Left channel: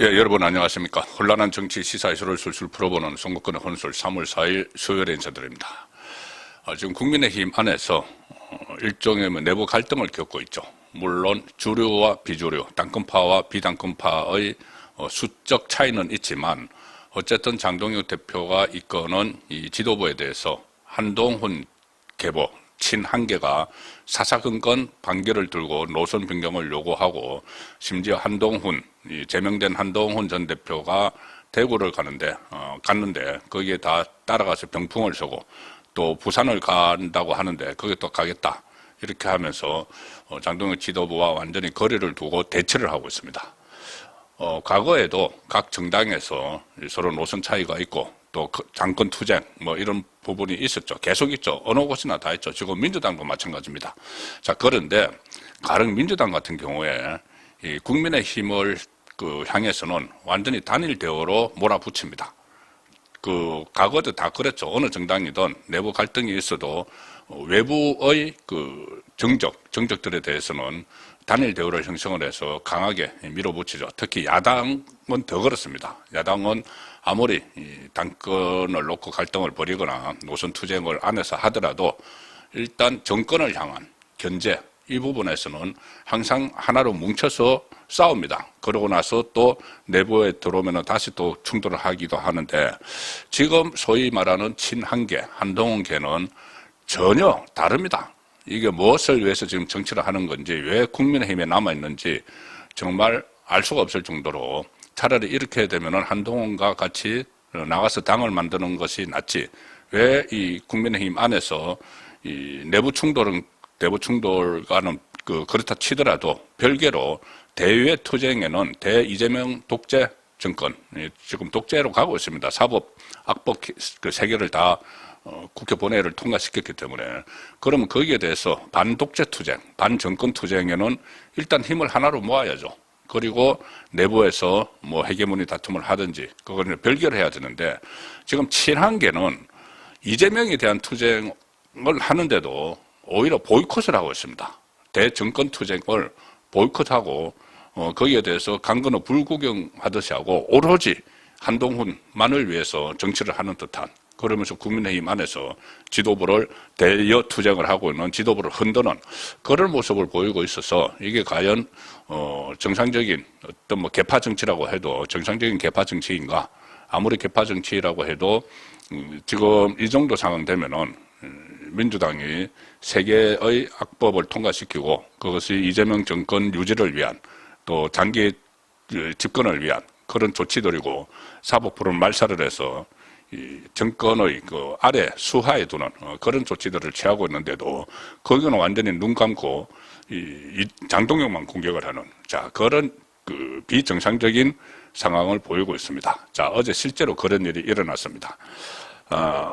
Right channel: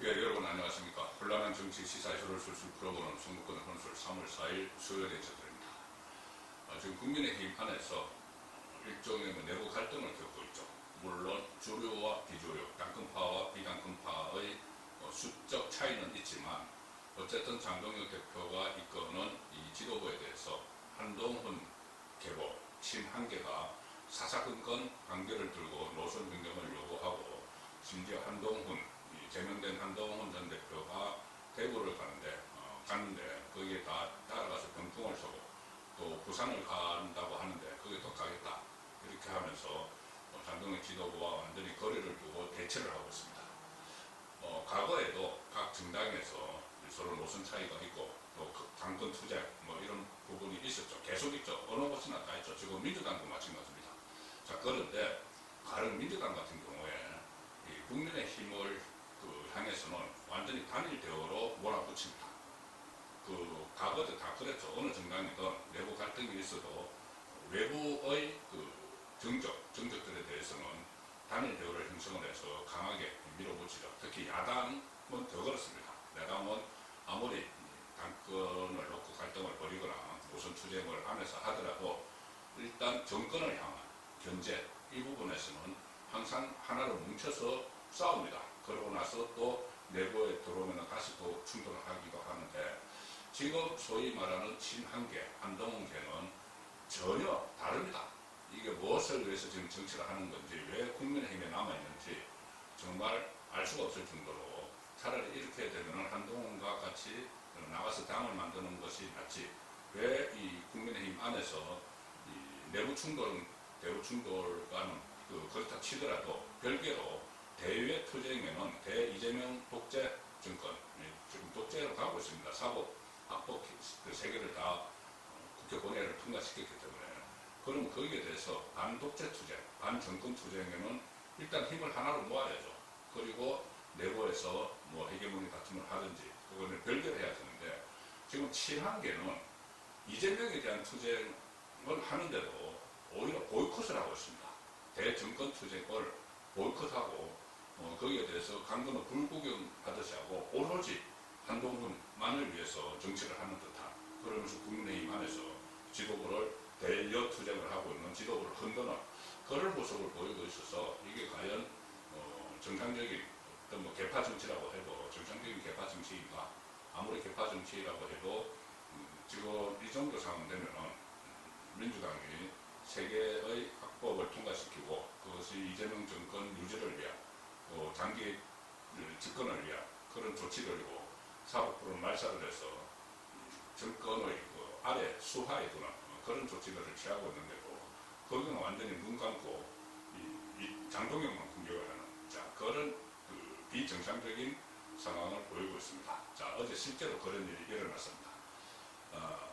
예, 여러분 안녕하십니까. 혼란한 정치 시사 이슈를 술술 풀어보는 송국근의 혼술 3월 4일 수요일에 인사드립니다. 지금 국민의힘 안에서 일종의 내부 갈등을 겪고 있죠. 물론 주류와 비주류, 당권파와 비당권파의 수적 차이는 있지만 어쨌든 장동혁 대표가 이끄는 이 지도부에 대해서 한동훈 계보, 친한계가 사사건건 반기를 들고 노선 변경을 요구하고 심지어 한동훈, 제명된 한동훈 전 대표가 대구를 갔는데 거기에 다 따라가서 병풍을 쏘고 또 부산을 간다고 하는데 거기에 또 가겠다 이렇게 하면서 장동혁 지도부와 완전히 거리를 두고 대치를 하고 있습니다. 과거에도 각 정당에서 서로 노선 차이가 있고 또 당권 투쟁 뭐 이런 부분이 있었죠. 계속 있죠. 어느 곳이나 다 있죠. 지금 민주당도 마찬가지입니다. 자, 그런데 가령 민주당 같은 경우에 이 국민의힘을 향해서는 완전히 단일 대우로 몰아붙입니다. 과거도 다 그랬죠. 어느 정당이든 내부 갈등이 있어도 외부의 정적들에 대해서는 단일 대우를 형성을 해서 강하게 밀어붙이죠. 특히 야당은 더 그렇습니다. 야당은 아무리 당권을 놓고 갈등을 벌이거나 노선 투쟁을 안에서 하더라도 일단 정권을 향한 견제 이 부분에서는 항상 하나로 뭉쳐서 싸웁니다. 그러고 나서 또 내부에 들어오면 다시 또 충돌을 하기도 하는데 지금 소위 말하는 친한계, 한동훈계는 전혀 다릅니다. 이게 무엇을 위해서 지금 정치를 하는 건지 왜 국민의힘에 남아있는지 정말 알 수가 없을 정도로 차라리 이렇게 되면 한동훈과 같이 나가서 당을 만드는 것이 낫지 왜 이 국민의힘 안에서 이 내부 충돌과는 그렇다 치더라도 별개로 대외 투쟁에는 대이재명 독재 정권 지금 독재로 가고 있습니다. 사법, 악법 세 개를 다 국회 본회의를 통과시켰기 때문에 그러면 거기에 대해서 반독재 투쟁, 반정권 투쟁에는 일단 힘을 하나로 모아야죠. 그리고 내부에서 뭐 헤게모니 다툼을 하든지 그거는 별개로 해야 되는데 지금 친한계는 이재명에 대한 투쟁을 하는데도 오히려 보이콧을 하고 있습니다. 대정권 투쟁을 보이콧하고 거기에 대해서 강건호 불구경하듯이 하고 오로지 한동훈만을 위해서 정치를 하는 듯한 그러면서 국민의힘 안에서 지도부를 대여 투쟁을 하고 있는 지도부를 흔드는 그런 모습을 보이고 있어서 이게 과연 정상적인 어떤 뭐 개파 정치라고 해도 정상적인 개파 정치인가 아무리 개파 정치라고 해도 지금 이 정도 상황 되면은 민주당이 세 개의 악법을 통과시키고 그것이 이재명 정권 유지를 위한 또 장기 집권을 위한 그런 조치들이고 사법부를 말살을 해서 이 정권의 아래 수하에 두는 그런 조치들을 취하고 있는데도 거기는 완전히 눈 감고 이 장동혁만 공격을 하는 그런 비정상적인 상황을 보이고 있습니다. 자, 어제 실제로 그런 일이 일어났습니다.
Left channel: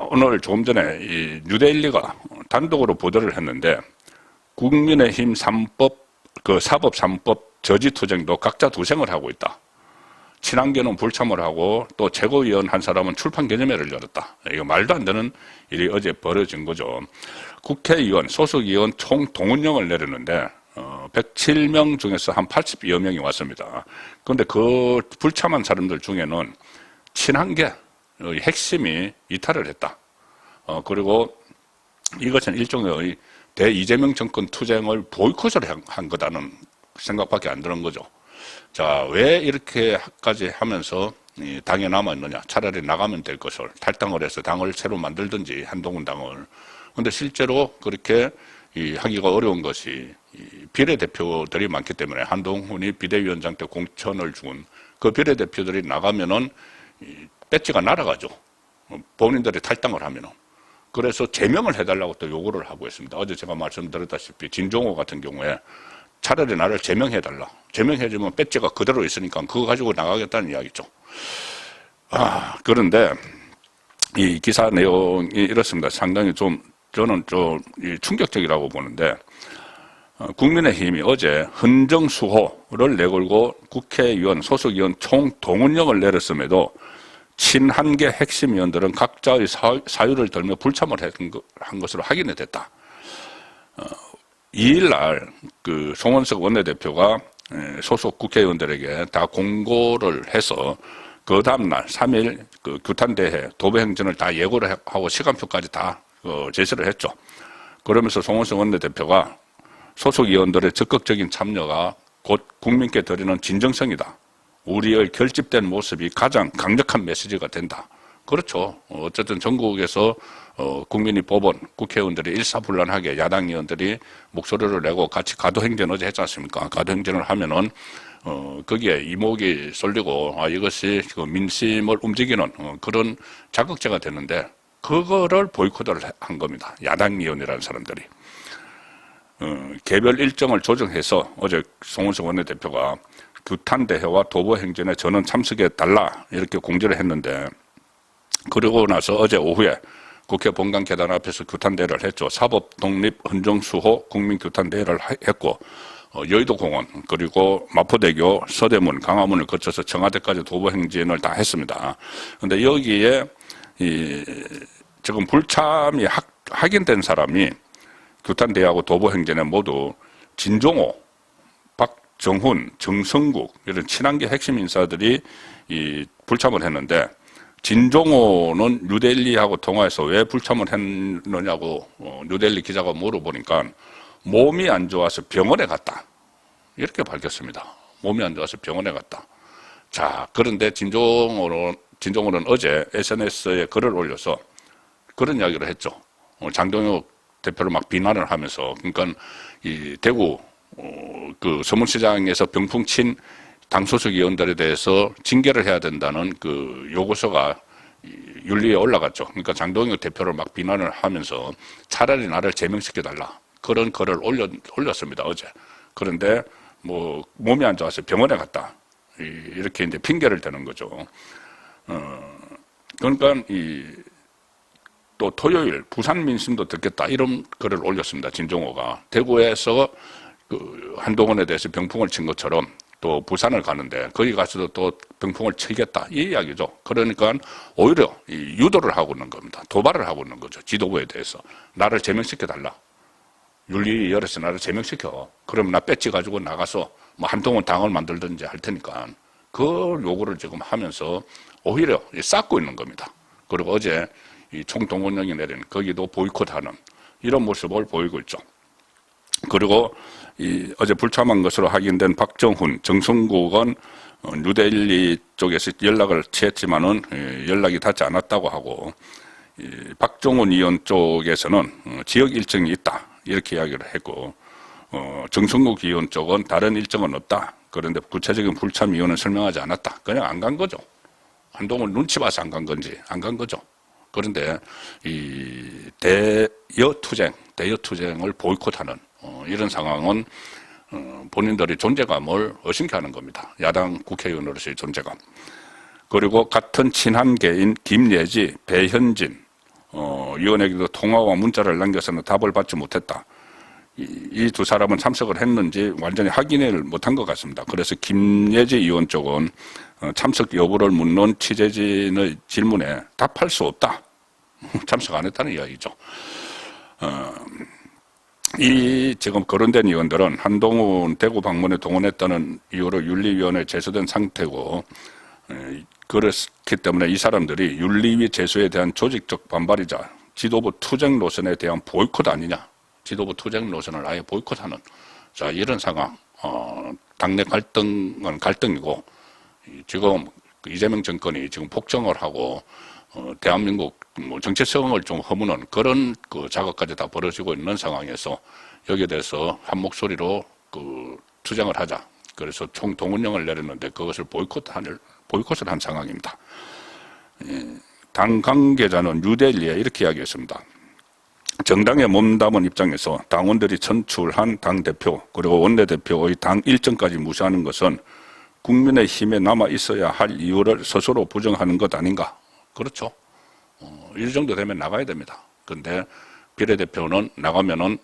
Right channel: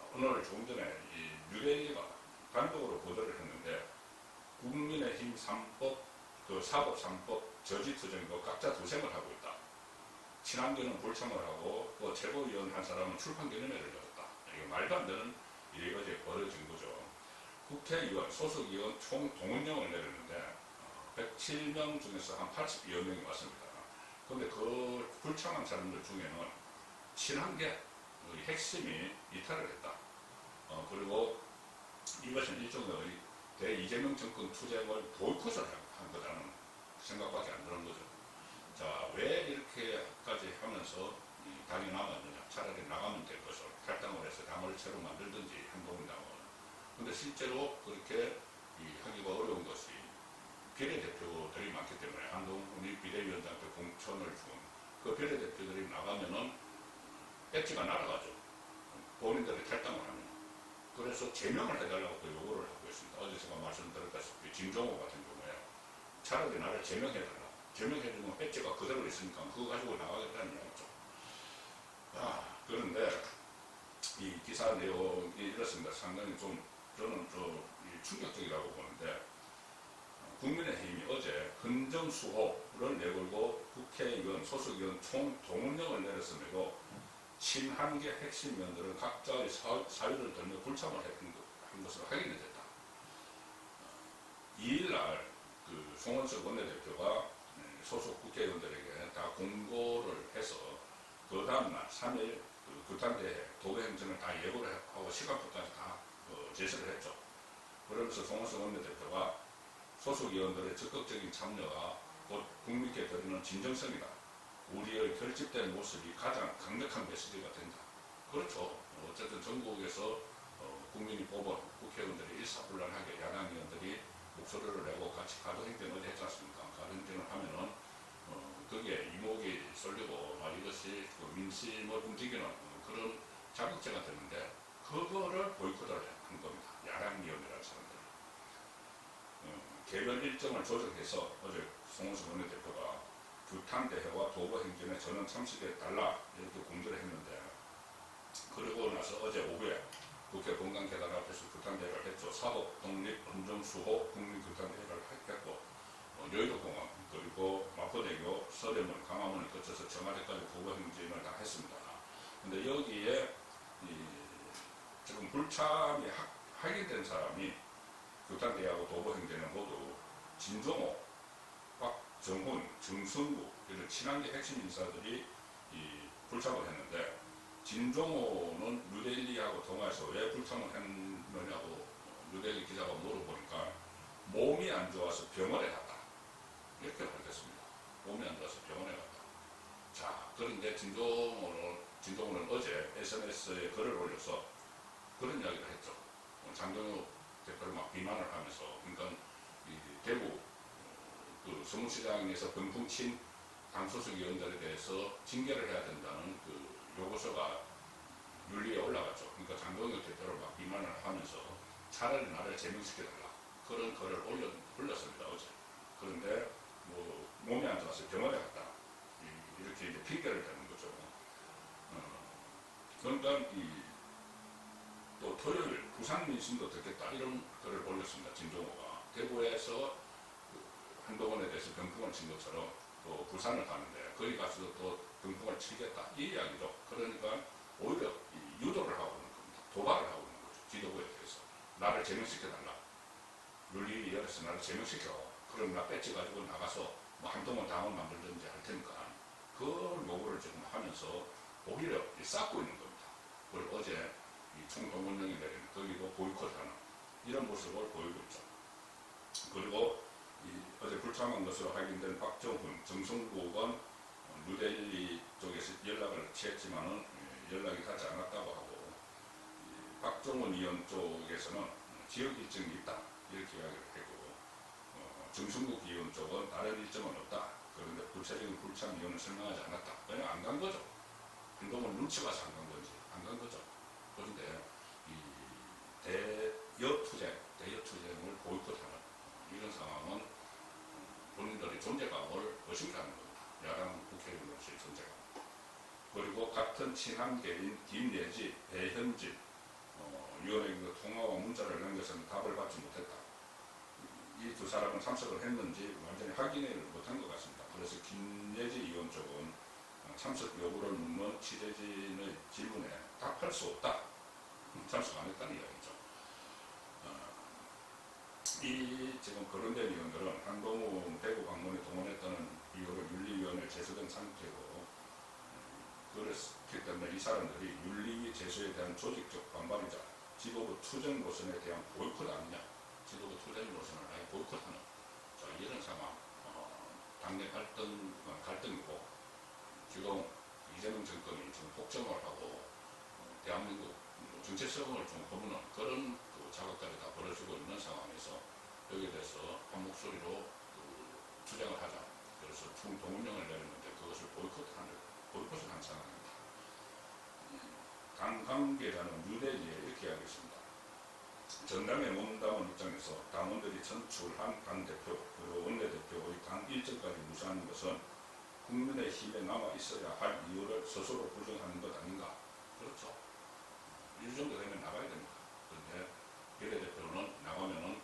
오늘 조금 전에 이 뉴데일리가 단독으로 보도를 했는데 국민의힘 사법 3법 저지투쟁도 각자 도생을 하고 있다. 친한계는 불참을 하고 또 최고위원 한 사람은 출판 기념회를 열었다. 이거 말도 안 되는 일이 어제 벌어진 거죠. 국회의원, 소속의원 총 동원령을 내렸는데 107명 중에서 한 80여 명이 왔습니다. 그런데 그 불참한 사람들 중에는 친한계의 핵심이 이탈을 했다. 그리고 이것은 일종의 대이재명 정권 투쟁을 보이콧을 한 거다는 생각밖에 안 드는 거죠. 자, 왜 이렇게까지 하면서 당에 남아있느냐. 차라리 나가면 될 것을 탈당을 해서 당을 새로 만들든지 한동훈 당을. 그런데 실제로 그렇게 하기가 어려운 것이 비례대표들이 많기 때문에 한동훈이 비대위원장 때 공천을 준 그 비례대표들이 나가면은 배지가 날아가죠. 본인들이 탈당을 하면은. 그래서 제명을 해달라고 또 요구를 하고 있습니다. 어제 제가 말씀드렸다시피 진종호 같은 경우에 차라리 나를 제명해달라. 제명해주면 배지가 그대로 있으니까 그거 가지고 나가겠다는 이야기죠. 그런데 이 기사 내용이 이렇습니다. 상당히 저는 좀 충격적이라고 보는데 국민의힘이 어제 헌정수호를 내걸고 국회의원, 소속의원 총 동원령을 내렸음에도 친한계 핵심 의원들은 각자의 사유를 들며 불참을 한 것으로 확인이 됐다. 2일날 송원석 원내대표가 소속 국회의원들에게 다 공고를 해서 그 다음날 3일 그 규탄대회 도배행진을 다 예고를 하고 시간표까지 다 제시를 했죠. 그러면서 송원석 원내대표가 소속 의원들의 적극적인 참여가 곧 국민께 드리는 진정성이다. 우리의 결집된 모습이 가장 강력한 메시지가 된다. 그렇죠. 어쨌든 전국에서 국민이 뽑은 국회의원들이 일사불란하게 야당 의원들이 목소리를 내고 같이 가도행진 어제 했지 않습니까? 가도행진을 하면은 거기에 이목이 쏠리고 이것이 그 민심을 움직이는 그런 자극제가 되는데 그거를 보이콧을 한 겁니다. 야당 의원이라는 사람들이. 개별 일정을 조정해서 어제 송원석 원내대표가 규탄대회와 도보행진에 저는 참석해달라 이렇게 공지를 했는데 그러고 나서 어제 오후에 국회 본관 계단 앞에서 규탄대회를 했죠. 사법독립헌정수호 국민규탄대회를 했고 여의도공원 그리고 마포대교 서대문 강화문을 거쳐서 청와대까지 도보행진을 다 했습니다. 그런데 여기에 지금 불참이 확인된 사람이 규탄대회하고 도보행진에 모두 진종호, 박정훈, 정성국 이런 친한계 핵심 인사들이 불참을 했는데 진종호는 뉴델리하고 통화해서 왜 불참을 했느냐고 뉴델리 기자가 물어보니까 몸이 안 좋아서 병원에 갔다. 이렇게 밝혔습니다. 몸이 안 좋아서 병원에 갔다. 자, 그런데 진종호는 어제 SNS에 글을 올려서 그런 이야기를 했죠. 장동혁 대표를 막 비난을 하면서 그러니까 이 대구 그 서문시장에서 병풍 친 당 소속 의원들에 대해서 징계를 해야 된다는 그 요구서가 윤리에 올라갔죠. 그러니까 장동혁 대표를 막 비난을 하면서 차라리 나를 제명시켜달라. 그런 글을 올렸습니다, 어제. 그런데 뭐 몸이 안 좋아서 병원에 갔다. 이렇게 이제 핑계를 대는 거죠. 그러니까 또 토요일 부산 민심도 듣겠다 이런 글을 올렸습니다. 진종호가 대구에서 그 한동훈에 대해서 병풍을 친 것처럼 또 부산을 가는데 거기 가서도 또 병풍을 치겠다 이 이야기죠. 그러니까 오히려 유도를 하고 있는 겁니다. 도발을 하고 있는 거죠. 지도부에 대해서 나를 제명시켜 달라. 윤리 열어서 나를 제명시켜. 그럼 나 배지 가지고 나가서 뭐 한동훈 당을 만들든지 할 테니까 그 요구를 지금 하면서 오히려 쌓고 있는 겁니다. 그리고 어제 이 총동원령이 내린 거기도 보이콧하는 이런 모습을 보이고 있죠. 그리고 어제 불참한 것으로 확인된 박정훈, 정성국은 뉴델리 쪽에서 연락을 취했지만은 연락이 닿지 않았다고 하고 박정훈 의원 쪽에서는 지역 일정이 있다 이렇게 이야기를 했고 정성국 의원 쪽은 다른 일정은 없다. 그런데 구체적인 불참 이유는 설명하지 않았다. 그냥 안 간 거죠. 한동훈 눈치 봐서 안 간 건지 안 간 거죠. 그런데 이 대여투쟁을 보이콧하는 이런 상황은 본인들의 존재감을 의심케 하는 겁니다. 야당 국회의원으로서의 존재감. 그리고 같은 친한계인 김예지, 배현진 의원에게도 통화와 문자를 남겨서는 답을 받지 못했다. 이 두 사람은 참석을 했는지 완전히 확인을 못한 것 같습니다. 그래서 김예지 의원 쪽은 참석 여부를 묻는 취재진의 질문에 답할 수 없다. 참석 안 했다는 이야기죠. 이 지금 거론된 의원들은 한동훈 대구 방문에 동원했다는 이유로 윤리위원회에 제소된 상태고 그렇기 때문에 이 사람들이 윤리위 제소에 대한 조직적 반발이자 지도부 투쟁 노선에 대한 보이콧 아니냐. 지도부 투쟁 노선을 아예 보이콧하는 자 이런 상황. 당내 갈등은 갈등이고 지금 이재명 정권이 지금 폭정을 하고 대한민국 정체성을 좀 허무는 그런 그 작업까지 다 벌어지고 있는 상황에서 여기에 대해서 한 목소리로 그 투쟁을 하자. 그래서 총동원령을 내렸는데 그것을 보이콧을 한 상황입니다. 당 관계자는 뉴델리에 이렇게 이야기했습니다. 정당에 몸담은 입장에서 당원들이 선출한 당대표 그리고 원내대표의 당 일정까지 무시하는 것은 국민의힘에 남아 있어야 할 이유를 스스로 부정하는 것 아닌가. 그렇죠. 이 정도 되면 나가야 됩니다. 그런데 비례대표는 나가면은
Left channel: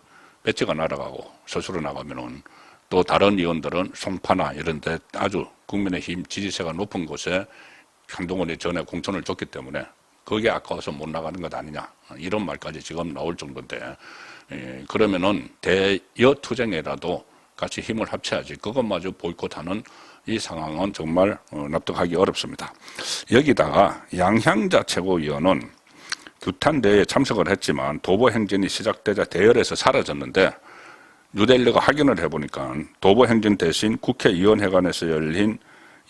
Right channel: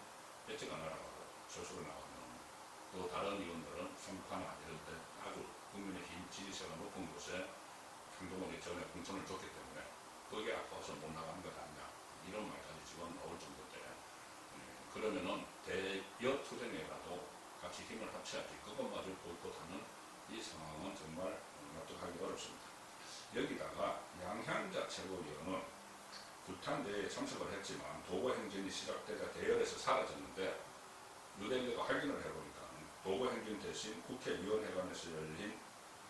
배지가 날아가고 스스로 나가면은 또 다른 의원들은 송파나 이런 데 아주 국민의힘 지지세가 높은 곳에 한동훈이 전에 공천을 줬기 때문에 거기에 아까워서 못 나가는 것 아니냐. 이런 말까지 지금 나올 정도인데 그러면은 대여투쟁에라도 같이 힘을 합쳐야지 그것마저 보이콧하는 이 상황은 정말 납득하기 어렵습니다. 여기다가 양향자 최고위원은 규탄대회에 참석을 했지만 도보 행진이 시작되자 대열에서 사라졌는데 뉴델리가 확인을 해보니까 도보 행진 대신 국회의원회관에서 열린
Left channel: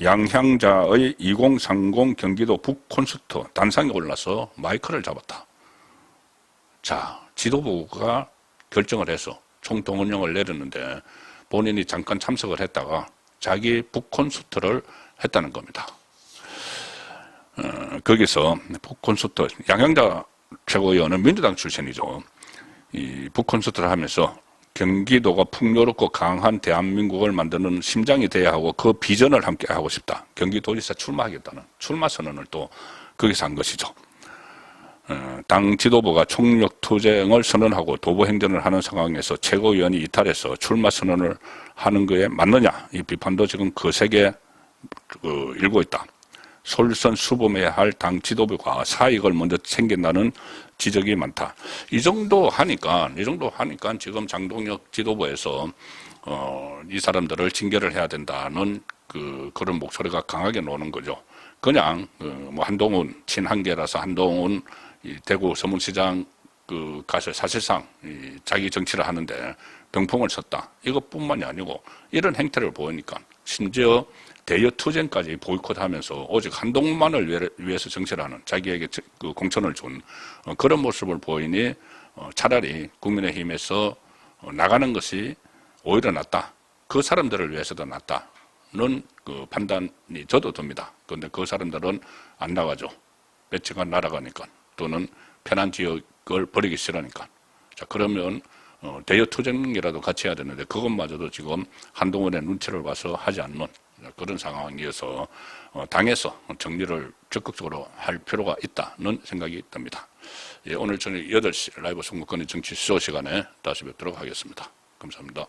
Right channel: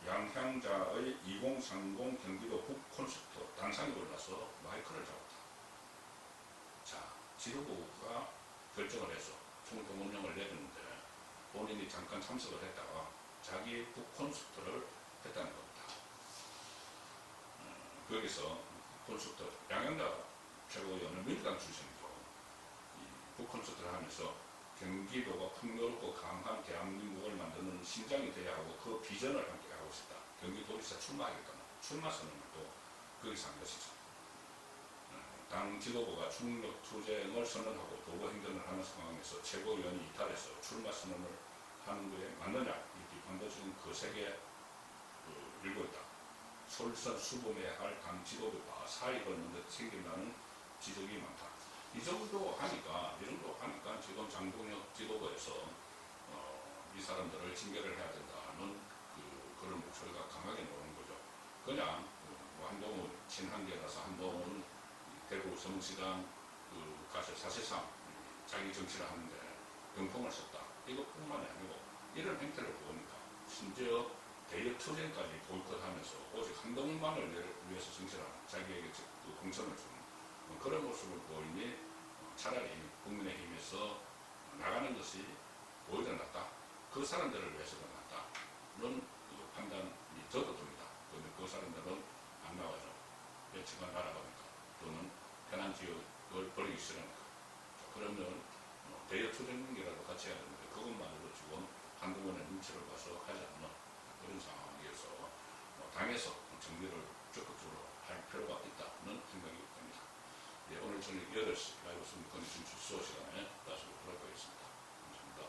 양향자의 2030 경기도 북콘서트 단상에 올라서 마이크를 잡았다. 자, 지도부가 결정을 해서 총동원령을 내렸는데 본인이 잠깐 참석을 했다가 자기 북콘서트를 했다는 겁니다. 거기서 북콘서트, 양향자 최고위원은 민주당 출신이죠. 이 북콘서트를 하면서 경기도가 풍요롭고 강한 대한민국을 만드는 심장이 돼야 하고 그 비전을 함께 하고 싶다. 경기도지사 출마하겠다는 출마 선언을 또 거기서 한 것이죠. 당 지도부가 총력 투쟁을 선언하고 도보 행전을 하는 상황에서 최고위원이 이탈해서 출마 선언을 하는 거에 맞느냐 이 비판도 지금 거세게 일고 있다. 솔선수범해야 할 당 지도부가 사익을 먼저 챙긴다는 지적이 많다. 이 정도 하니까 지금 장동혁 지도부에서 이 사람들을 징계를 해야 된다는 그런 목소리가 강하게 나오는 거죠. 그냥 뭐 한동훈 친한계라서 한동훈 이 대구 서문시장 가서 사실상 자기 정치를 하는데 병풍을 쳤다. 이것뿐만이 아니고 이런 행태를 보이니까 심지어 대여 투쟁까지 보이콧하면서 오직 한동훈만을 위해서 정치를 하는 자기에게 공천을 준 그런 모습을 보이니 차라리 국민의힘에서 나가는 것이 오히려 낫다. 그 사람들을 위해서도 낫다는 판단이 저도 듭니다. 그런데 그 사람들은 안 나가죠. 배치가 날아가니까 또는 편한 지역을 버리기 싫으니까. 자, 그러면 대여 투쟁이라도 같이 해야 되는데 그것마저도 지금 한동훈의 눈치를 봐서 하지 않는 그런 상황이어서 당에서 정리를 적극적으로 할 필요가 있다는 생각이 듭니다. 예, 오늘 저녁 8시 라이브 선거권의 정치 수소 시간에 다시 뵙도록 하겠습니다. 감사합니다.